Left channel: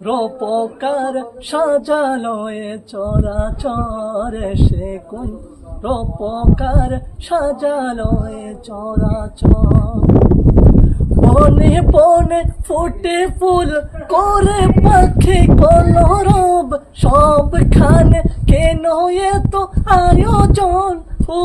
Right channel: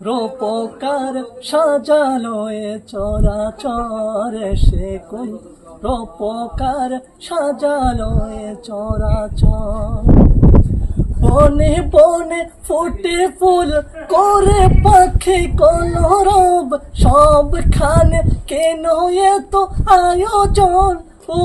রূপকার সাজালো এ চরাচর সে কোন রূপকার সাজালো এ চরাচর। বনে বনে ফুটে ফুল করে পাখি কলরব, সবখানে কেন এত আয়োজন? ও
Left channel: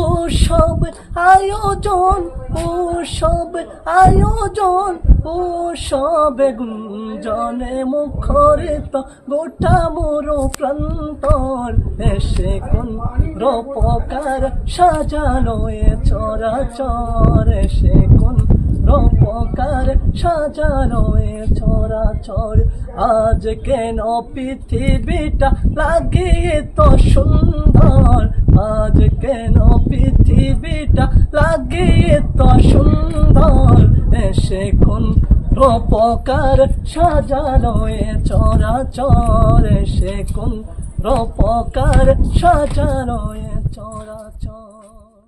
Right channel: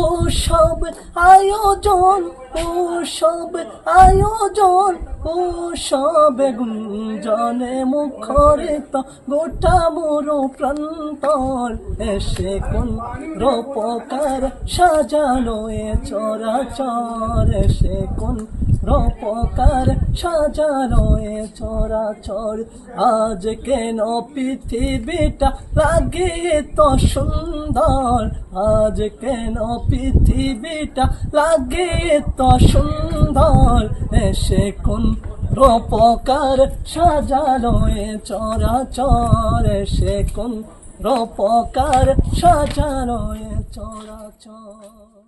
আয়োজন, ও সব আয়োজন, ও সব গুঞ্জনে মুখরিত গোটা মোর প্রান্তর। এসে কোন রূপকার সাজানো এ চরাচর, এসে কোন রূপকার সাজানো এ চরাচর। আজ কেন পৃথিবীটা লাগে তো সুন্দর? আজ কেন পৃথিবীটা লাগে তো সুন্দর? এসে কোন রূপকার সাজানো এ চরাচর? এসে কোন রূপকার সাজানো এ চরাচর?